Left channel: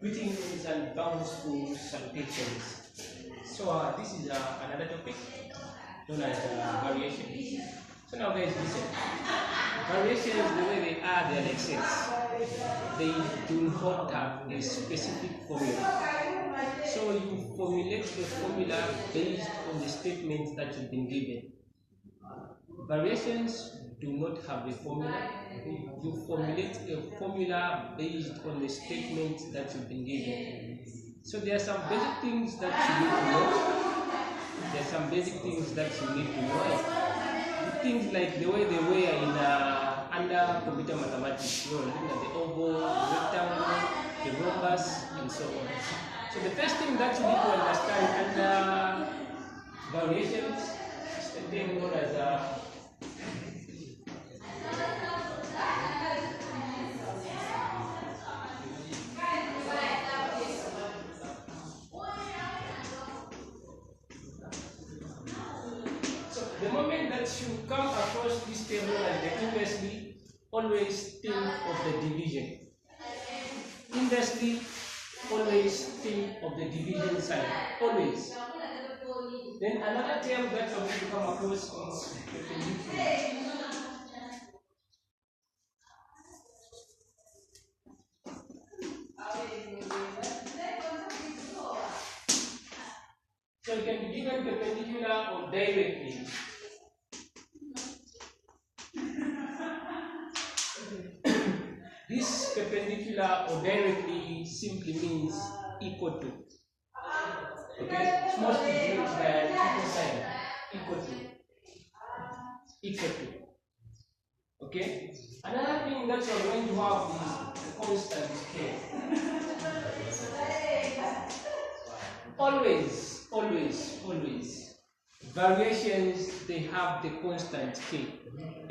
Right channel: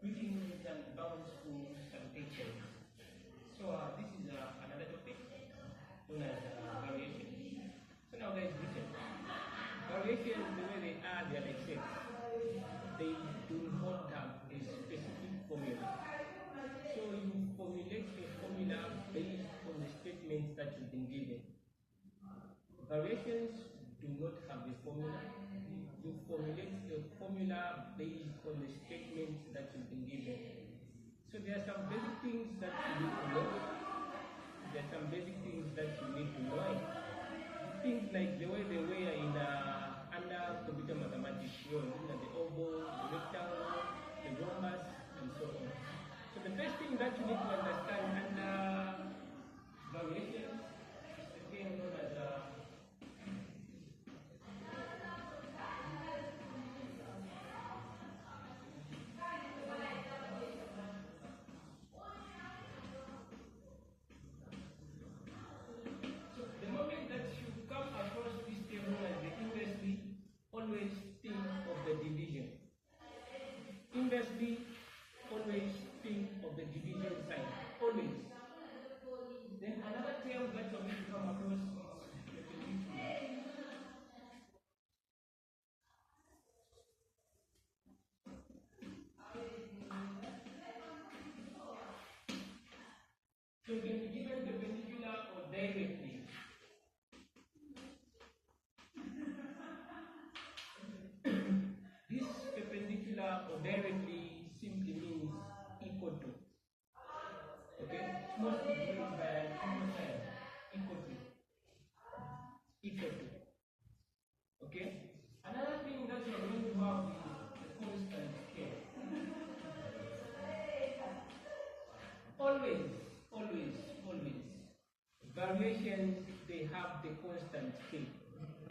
Greetings and bountiful salutations. So this is another topic known as variation. So now guys listen. Variations, the way they are, they are like sets. They do not have a specific formula. So you formulate the formula based on the statements that you've been given. Variations do not have a formula. You formulate a formula based on the statements that you've been given. So there are some basic things that you need to know. There are some basic things that you need to know. Things like the way they were in under computer mathematics, looking at the oval, the rectangle, the rhombus, and so on. So the first thing that you need to understand under variations is the thing known as the moment that you come across this table like the inversely, always think of the division. Inversely, always think of the division sign. Always. Then another term that you're going to come across is perpendicular. So it can be given perpendicular or directly. This perpendicular or directly simply means equal to. Okay? It's mostly denoted by an equal sign. Equal to. Equal to. Okay? Another thing that you're going to have is the constant k. Always. Variations, they have the constant k.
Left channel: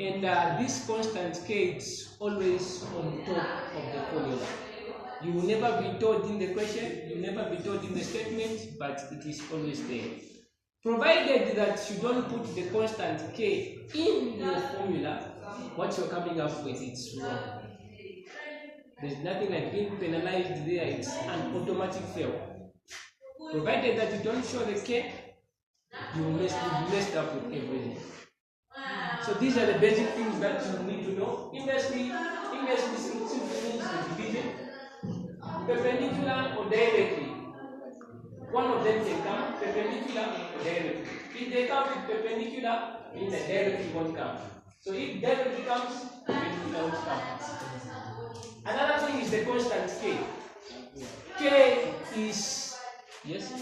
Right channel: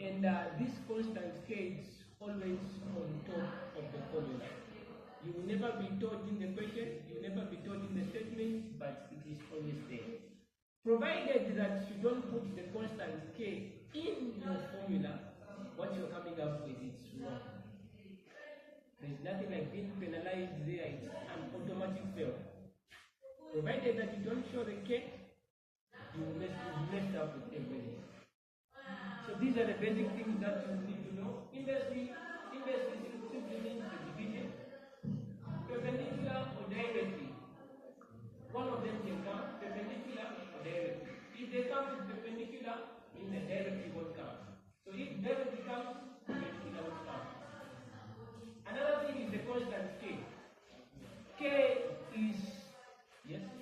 And this constant k is always on top of the formula. You will never be told in the question, you will never be told in the statement, but it is always there. Provided that you don't put the constant k in your formula, what you're coming up with is wrong. There's nothing like being penalized there, it's an automatic fail. Provided that you don't show the k, you will messed up with everything. So these are the basic things that you need to know. Inversely simply means the division. Perpendicular or directly. One of them can come perpendicular or directly. If they come with perpendicular, means that directly won't come. So if directly comes, perpendicular won't come. Another thing is the constant k. K is, yes?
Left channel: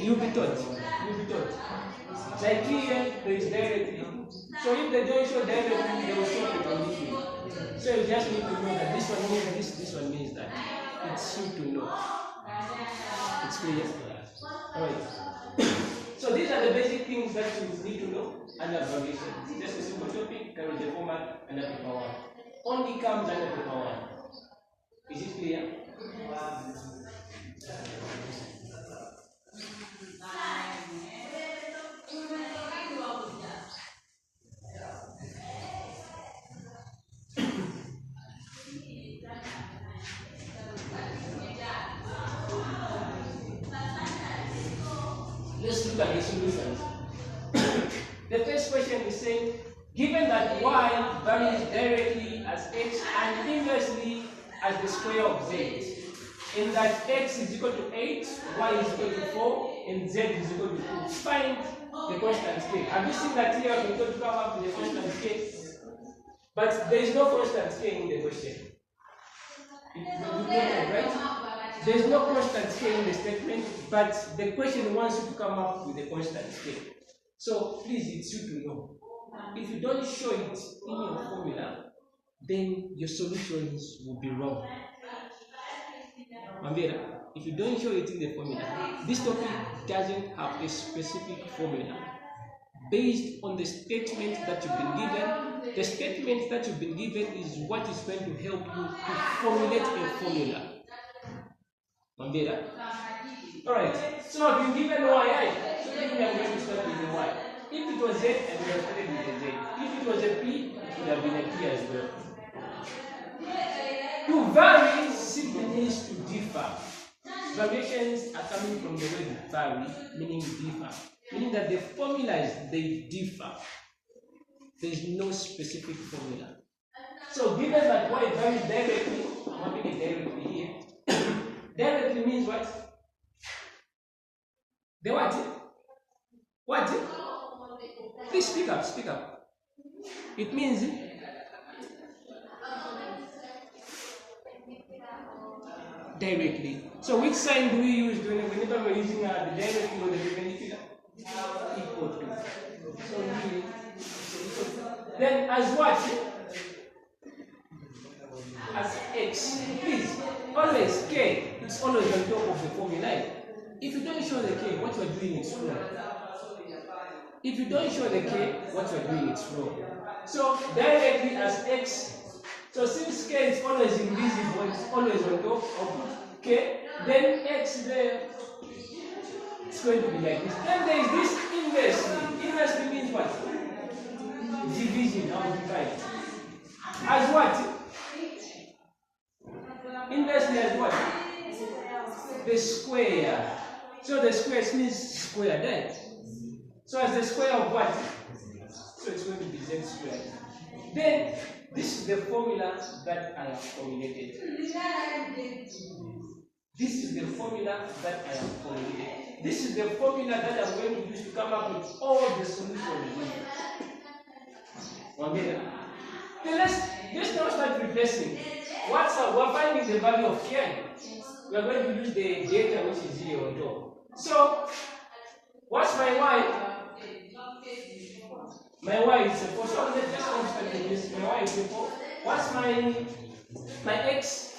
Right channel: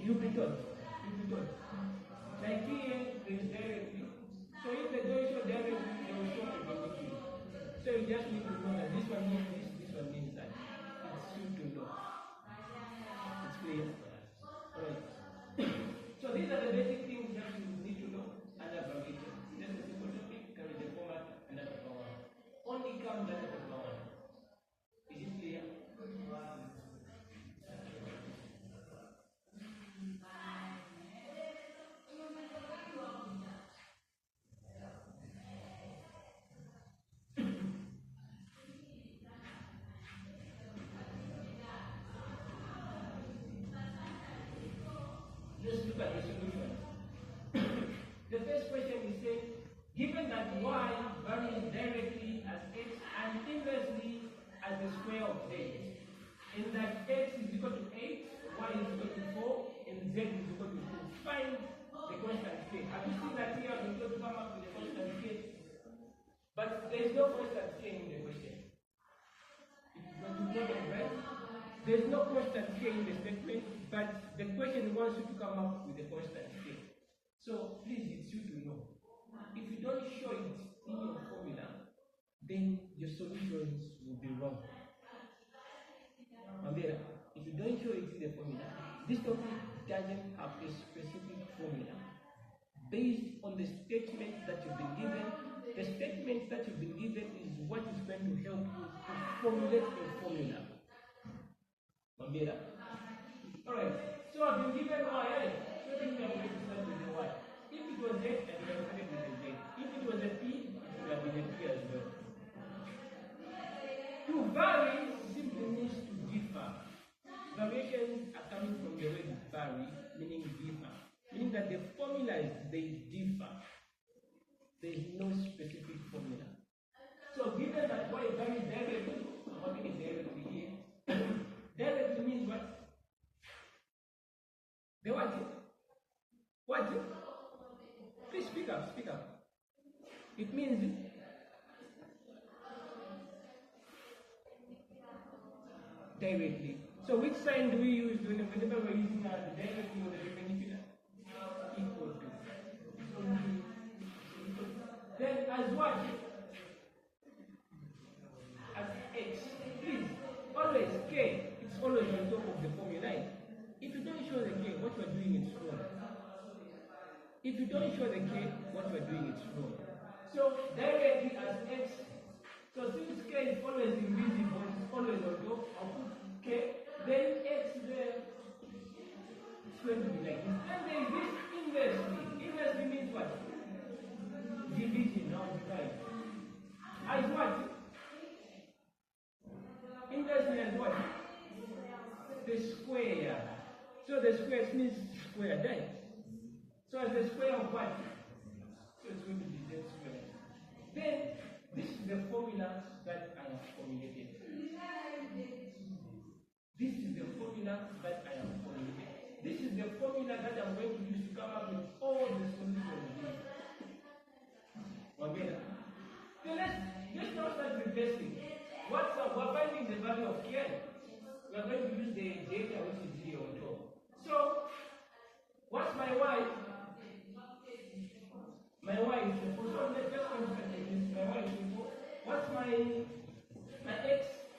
You'll be taught. Like here, there is directly. So if they don't show directly, they will show perpendicular. So you just need to know that this one means this one means that. It's you to know. It's clear? Alright. So these are the basic things that you need to know under variation. Just a simple topic, carry the format under paper 1. Only comes under paper 1. Is it clear? Let's look at the solutions. The first question is saying, given that y varies directly as x and inversely as the square of z, and that x is equal to 8, y is equal to 4, and z is equal to 2, find the constant k. Have you seen that here we're going to come up with the constant k? But there is no constant k in the question. Right? There is no constant k in the statement, but the question wants you to come up with a constant k. So please, it's you to know. If you don't show it in your formula, then your solutions will be wrong. Mambera, if you don't show it in the formula, this topic doesn't have a specific formula. Based on the statements that you've been given, the statements that you've been given is what is going to help you to formulate a formula. Mambera? Alright, so I've been given y, so then we are going to start with the y. If it was z, I would have started with a z. If it was a p, it would have been a p as well. To vary simply means to differ. Variations are coming from the word vary, meaning differ, meaning that the formulas they differ. There is no specific formula. So given that y varies directly, I'm having it directly here. Directly means what? The what? What? Please speak up, speak up. It means directly. So which sign do we use whenever we're using the directly or the perpendicular? Equal to. So here, then as what? As x. Please, always k, it's always on top of the formula. If you don't show the k, what you are doing is wrong. If you don't show the k, what you are doing is wrong. So directly as x. So since k is always invisible, it's always on top of k, then x there, it's going to be like this. Then there is this inversely. Inversely means what? Division, how to divide. As what? Inversely as what? The square. So the square means square, right? So as the square of what? So it's going to be z squared. Then this is the formula that I have formulated. This is the formula that I have formulated. This is the formula that I'm going to use to come up with all the solutions. Then let's now start replacing. We're finding the value of k. We're going to use the data which is here on top. So, what's my y? My y is a 4. So let's just start with this. My y is a 4. What's my x?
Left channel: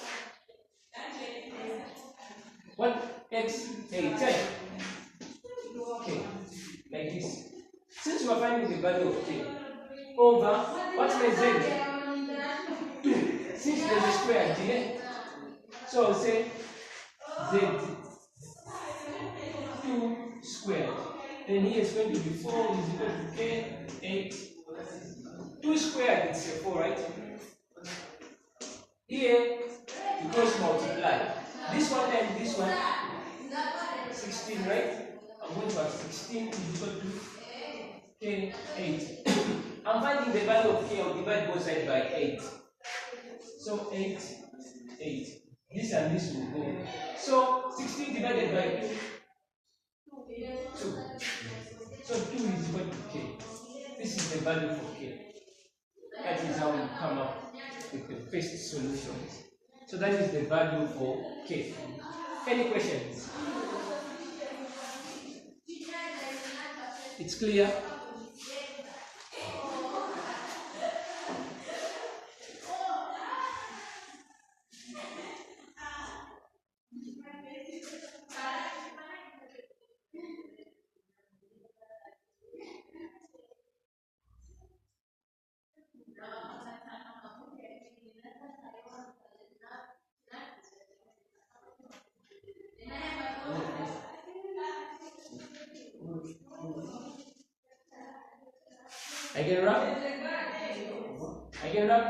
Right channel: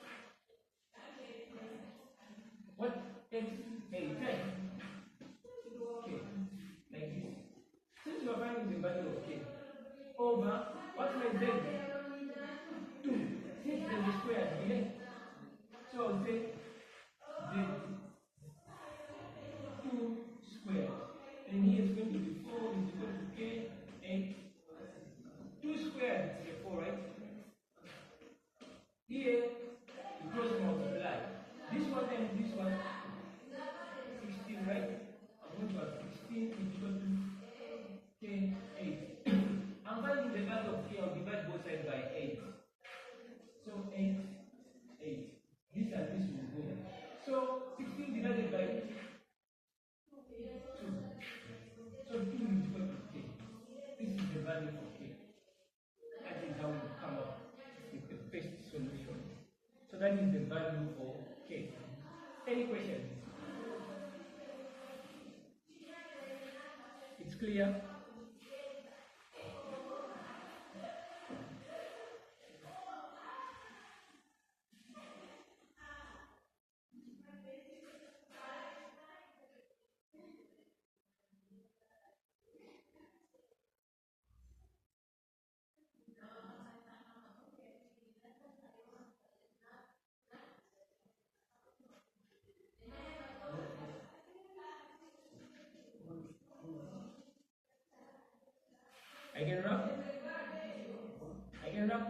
What x? 8. Okay, like this. Since we're finding the value of k over what's my z? 2. Since there's a square here, so I'll say z 2 squared. Then here is going to be 4 is equal to k 8. 2 squared is 4, right? Here you cross multiply. This one and this one 16, right? I'm going to have 16 is equal to k 8. I'm finding the value of k. I'll divide both sides by 8. So 8, 8. This and this will go. So 16 divided by 2. So 2 is equal to k. This is the value for k. That is how we come up with the first solution. So that is the value for k. Any questions? It's clear? I can rub? I can rub?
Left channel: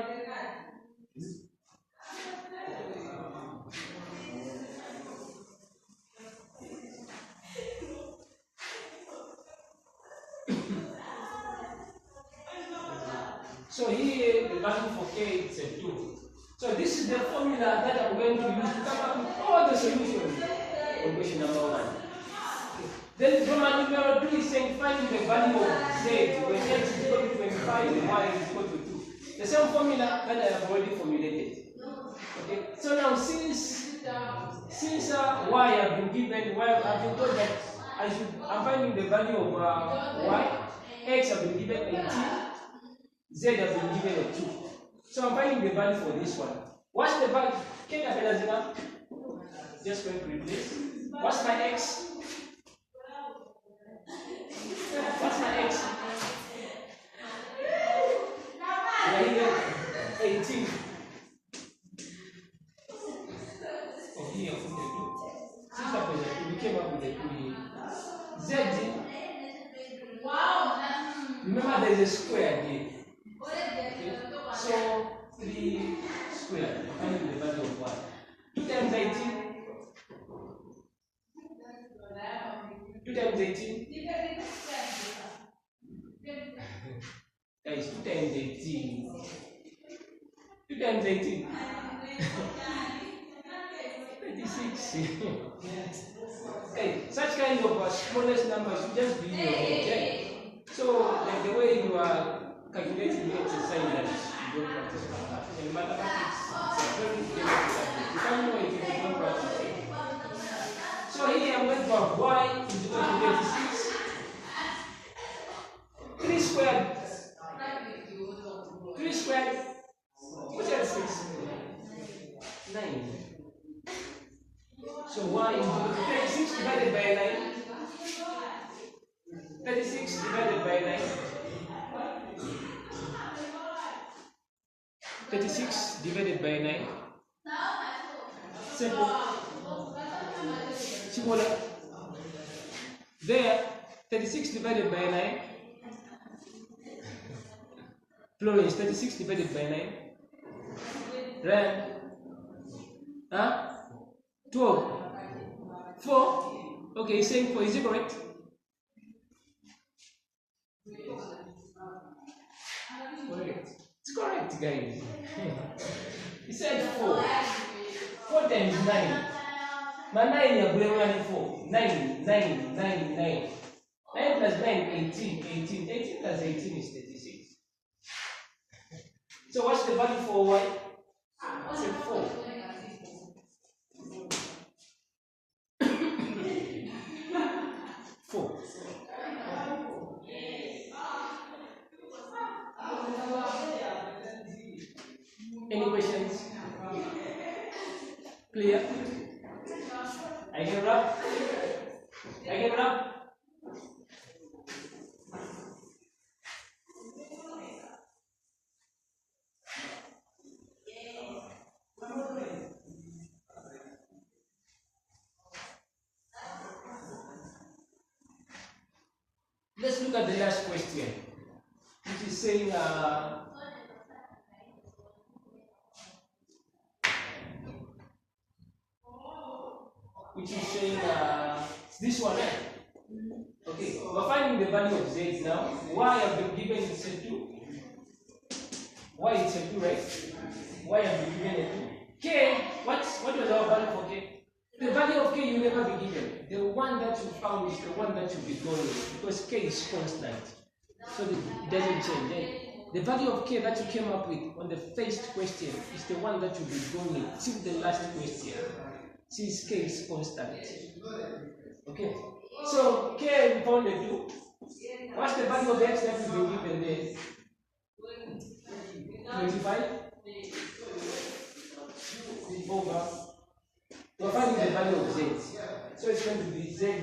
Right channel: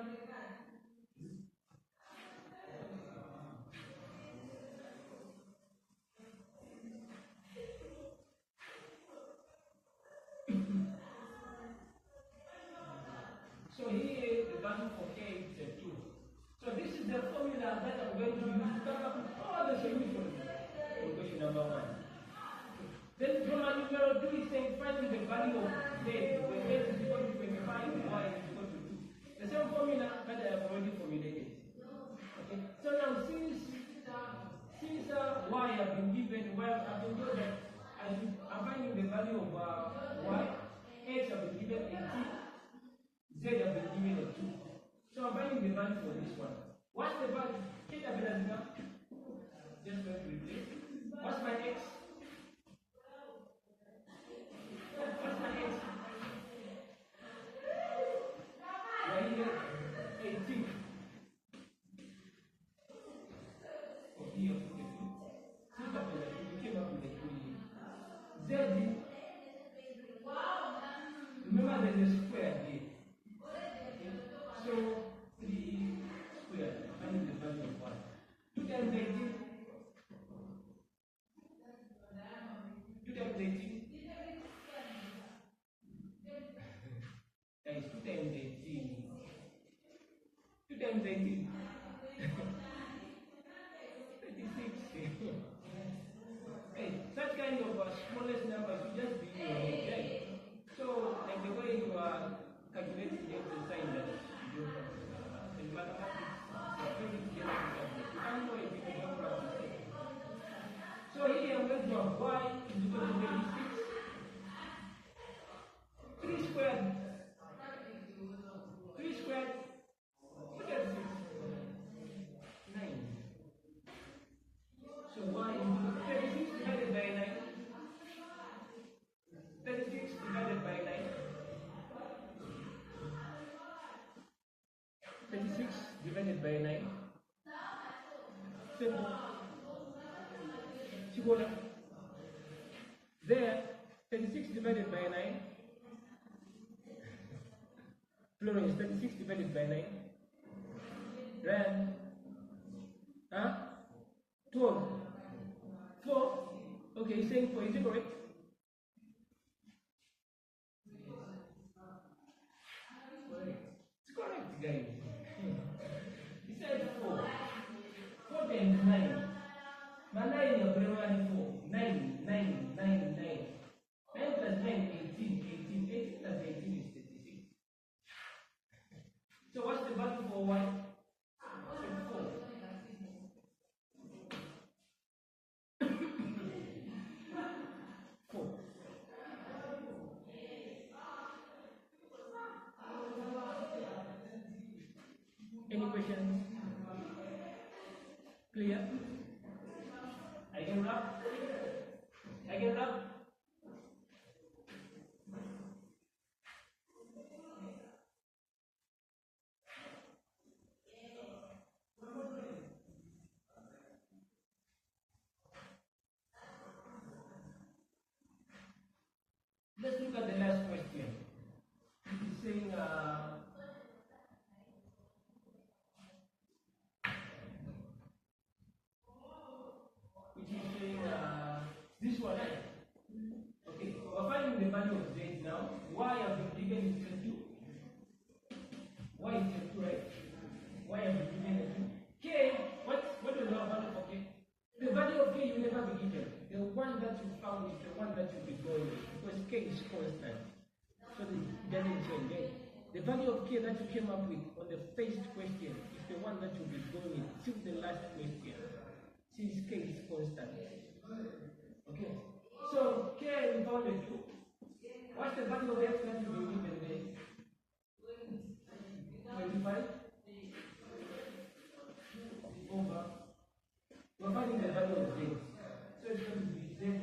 So here the value for k is a 2. So this is the formula that I'm going to use to come up with all the solutions for question number 1. Then Roman numeral 2 is saying finding the value of z when x is equal to 25 and y is equal to 2. The same formula that I have already formulated. Okay. So now since y have been given, I've been told that I'm finding the value of y, x have been given 18, z have been given a 2. So I'm finding the value for this one. What's the value? Just going to replace. What's my x? What's my x? 18. Oh, here, since we came up with a 2 here. Z. Remember there is a square here. Okay. So 3 squared. Finding the value of y. times 18? Guys, 2 times 18. 2 times 18. 36. Okay, such kind of smallest numbers should just be in your head. So, like the way you are calculating the exercise that you don't practice mathematics. In mathematics, it's a very difficult subject. You can't know it if you don't practice it. So here I'm going to have y is equal to 36. 3 squared. 3 squared. What's that 6? 9. So y is equal to 36 divided by 9. 36 divided by 9. 36 divided by 9. Simple. Simple. There, 36 divided by 9. Florence, 36 divided by 9. Ran. Huh? 12. 4. Okay, saying 4. Is it correct? Correct. It's correct, guys. He said 4. 4 times 9. My 9 is going 4. 9, 9, 9, 9. 9 plus 9, 18. 18. 18 plus 18 is 36. So what's the value for y? It's 4. Any questions? Clear? I can wrap. I can wrap. Let's look at the last question, which is saying this one. Okay, we're finding the value of z now. Y have been given is 2. Y is 2, right? Y have been given a 2. K, what was our value for K? The value of K you never be given. The one that you found is the one that you'll be going with, because K is constant. So it doesn't change. The value of K that you came up with on the first question is the one that you'll be going with till the last question, since K is constant. Okay. So K found a 2. What's the value of x that you've been given there? 25 over. We're finding the value of z. So it's going to be z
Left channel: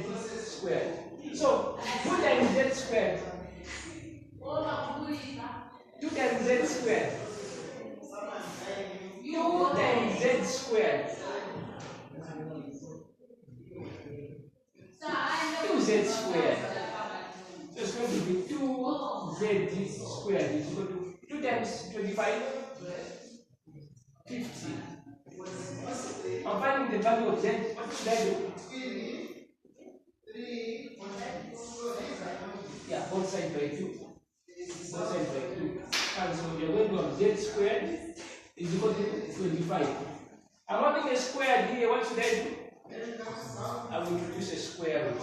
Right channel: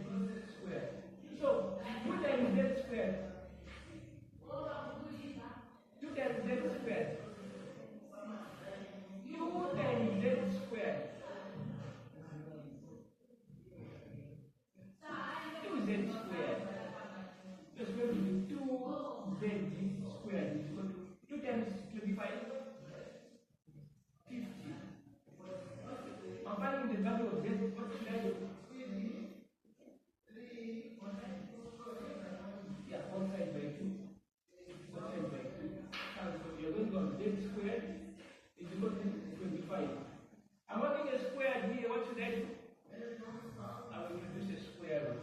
squared. So 2 times z squared. 2 times z squared. 2 times z squared. 2z squared. So it's going to be 2z squared is equal to 2 times 25, 50. I'm finding the value of z. What should I do? Yeah, both sides by 2. Both sides by 2. And so you're going to have z squared is equal to 25. I'm having a square here. What should I do? I will introduce a square root.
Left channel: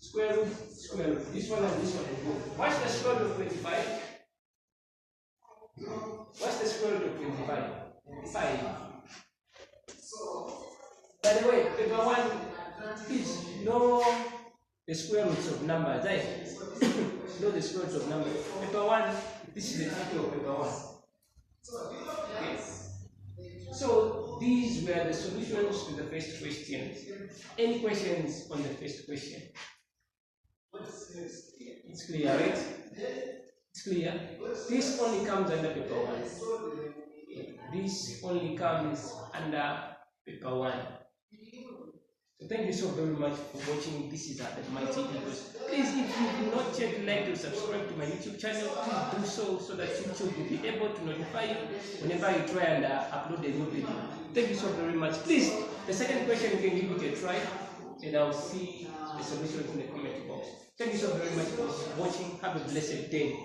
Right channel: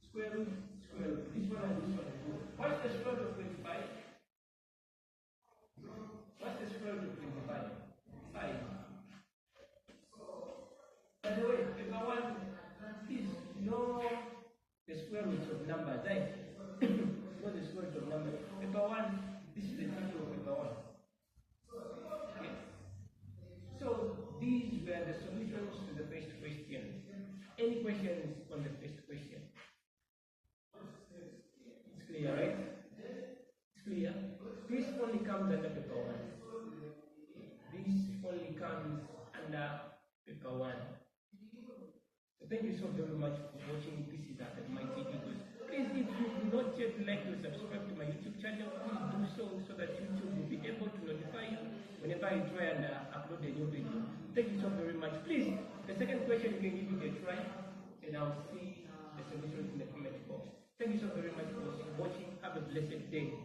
Square root, square root. This one and this one will go. What's the square root of 25? What's the square root of 25? 5. By the way, paper 1, please know the square roots of numbers. Right? Know the square roots of numbers. Paper 1, this is the title of paper 1. Okay. So these were the solutions to the first question. Any questions on the first question? It's clear, right? It's clear. This only comes under paper 1. This only comes under paper 1. So thank you so very much for watching. This is at Mighty Eagles. Please, if you do not yet like to subscribe to my YouTube channel, please do so that YouTube will be able to notify you whenever I try and upload a new video. Thank you so very much. Please, the second question you can give it a try. and I'll see the solution in the comment box. Thank you so very much for watching. Have a blessed day.